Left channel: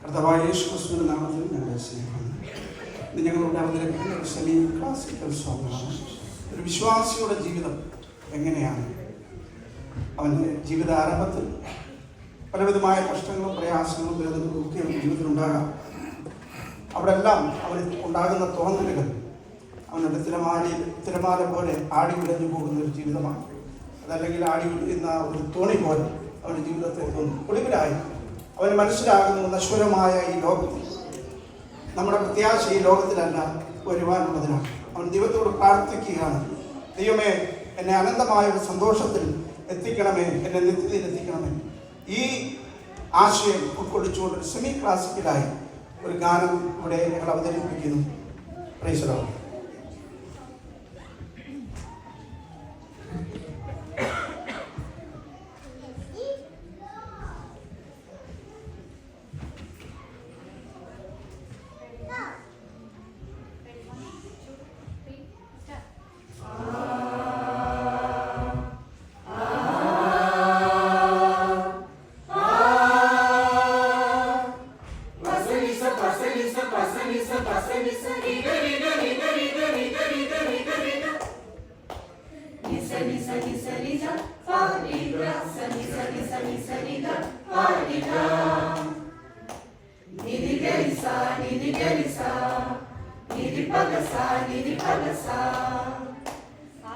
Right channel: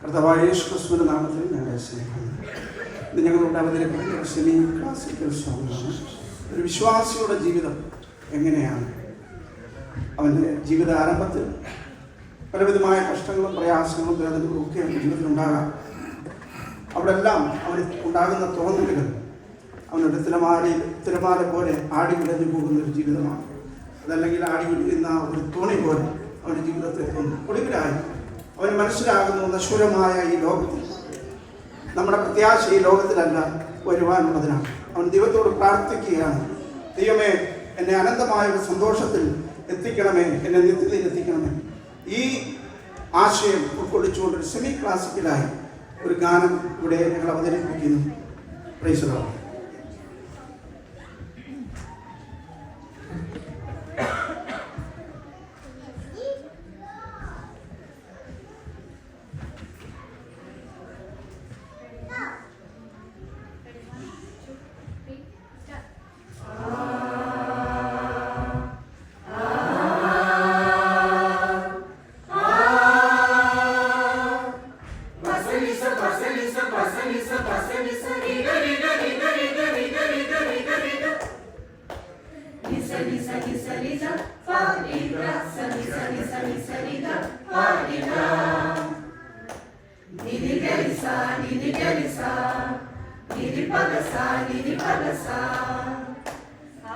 കർത്താവായ യേശു ക്രിസ്തുവിന്റെ നാമത്തിൽ ഞങ്ങളെ സ്നേഹിക്കുന്നു. ഇത് ഞങ്ങളുടെ അവതരിപ്പിക്കുന്ന സെമി ക്ലാസിക്കൽ സോങ്ങാണ്. ഒരു വിശ്വാസിയുടെ ജീവിതം എങ്ങനെയാണ്? അവൻ്റെ ജീവിത ആരംഭത്തിൽ പലവിധമായ കഷ്ടങ്ങളും പ്രയാസങ്ങളും വേദനകളും ഒക്കെ അവൻ്റെ ജീവിതത്തിൽ ഉണ്ടാകാം. അവിടെ എല്ലാം അവന് ഉണ്ടാകുന്ന തോന്നലുകൾ അവനുടെ തിരമാല പോലെ ആടി വിടഞ്ഞു പോകുന്ന ഒരു ജീവിതമാണ്. അതല്ലെങ്കിൽ ആടി വിടുന്ന ഒരു തോണി പോലെ അവൻ്റെ ജീവിതത്തെ ഒടുവിലായി അവന് മനസ്സിലാകുന്ന നശ്വരമായ ഈ ലോകത്തിൽ നമ്മുടെ പ്രത്യാശ ഈ ലോകത്തിലല്ല വരുവാനുള്ളതിനാണ്. അവൻ ദൈവത്തോട് പ്രാർത്ഥിക്കുകയാണ്, ദൈവമേ എന്നെ അനന്തമായ ഒരു സന്തോഷത്തിൽ എത്തിക്കണമേ, എന്നെ നിത്യതയിൽ എത്തിക്കണമേ. ഈ ആശയം ഉൾക്കൊള്ളിച്ചുകൊണ്ട് സെമി ക്ലാസിക്കലായി ഒരു ഗാനം ഇവിടെ ഞങ്ങൾ അവതരിപ്പിക്കുന്നു. Praise the Lord.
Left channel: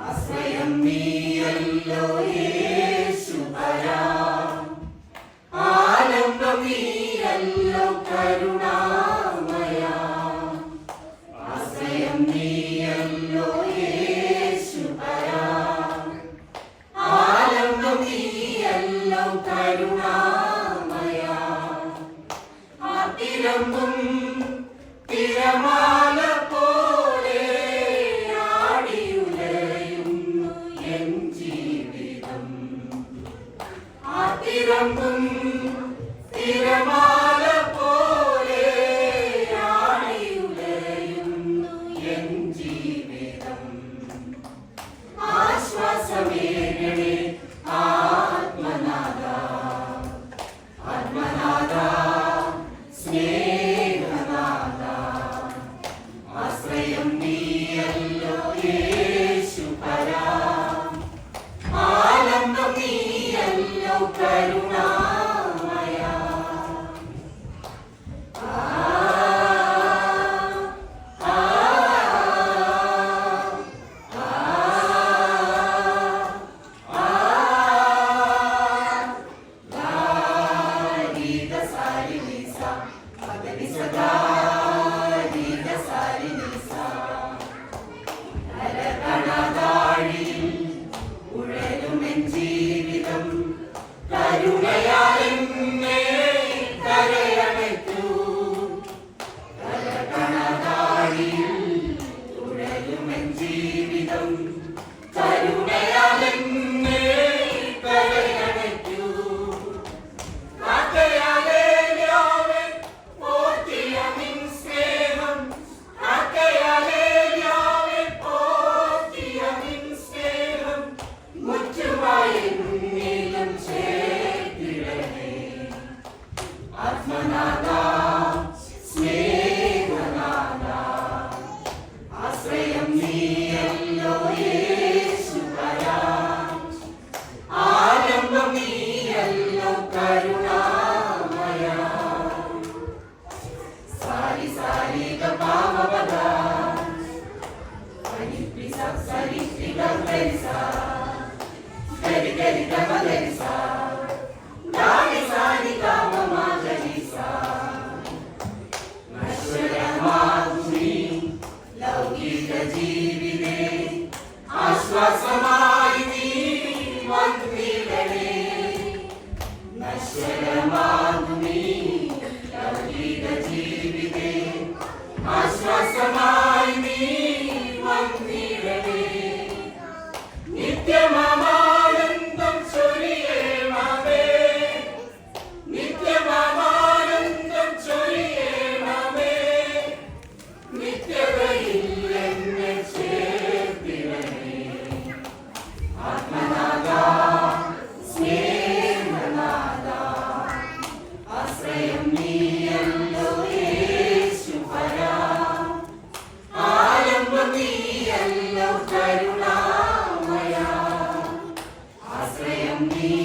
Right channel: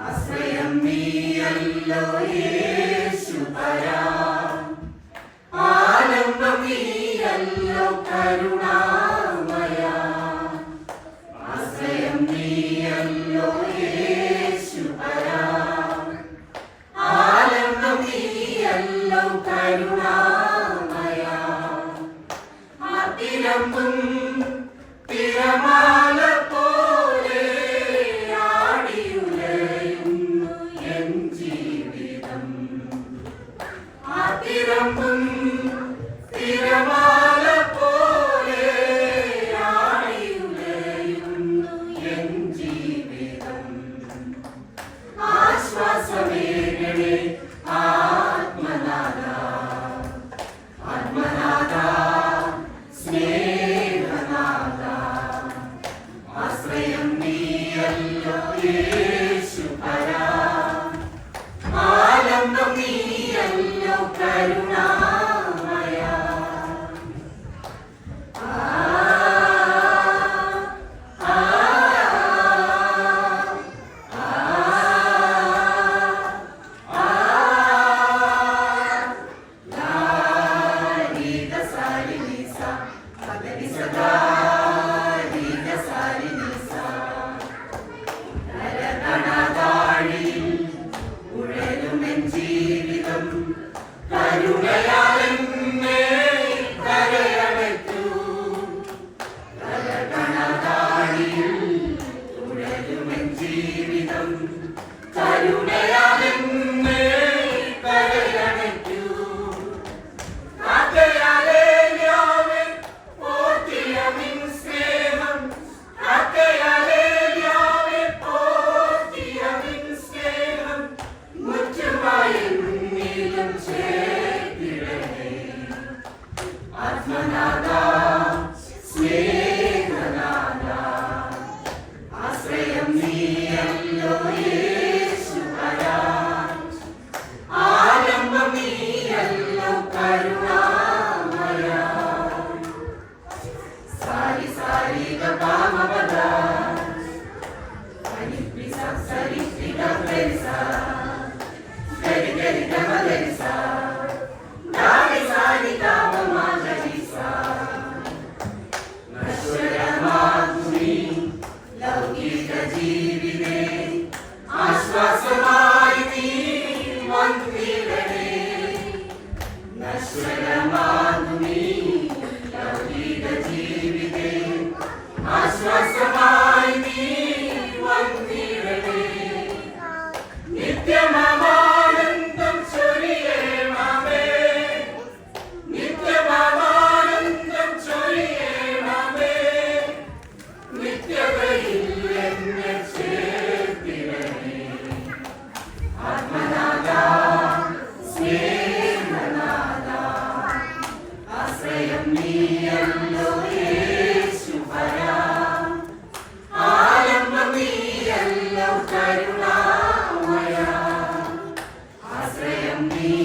ആശ്രയം നീയല്ലോ യേശുപരാ, ആലംബം നീയല്ലോ കരുണാമയാ. ആശ്രയം നീയല്ലോ യേശുപരാ, ആലംബം നീയല്ലോ കരുണാമയാ. ആതിരമ്പും തിരമാല പോലെ ആടിയുലയുന്നു എൻ ജീവിതം. ആതിരമ്പും തിരമാല പോലെ ആടിയുലയുന്നു എൻ ജീവിതം. ആശ്വാസമേകണേ ആത്മനാഥ, ആത്മനാഥ സ്നേഹനാഥ. ആശ്രയം നീയല്ലോ യേശുപരാ, ആലംബം നീയല്ലോ കരുണാമയാ. ആശ്രയം നീയല്ലോ യേശുപരാ, ആലംബം നീയല്ലോ കരുണാമയാ. സാരി സാരി ഗപാമപദ സരിപ്പി സരിപ്പി ഗരിസ ഗരി ഗരി ഗമ ഗരിസ ഗാരി സാരി ഗമ ഗരിസ. നശ്വരമാകുമീ ലൗകിക ജീവിതേ ആശ്വാസമായി നീ വന്നിടണേ. നശ്വരമാകുമീ ലൗകിക ജീവിതേ ആശ്വാസമായി നീ വന്നിടണേ. നിത്യമാനന്ദം ചൊരിയണമേ, നിത്യമാനന്ദം ചൊരിയണമേ. നിത്യതയിൽ എന്നെ ചേർത്തിടണേ. ആത്മനാഥ സ്നേഹനാഥ നന്ദി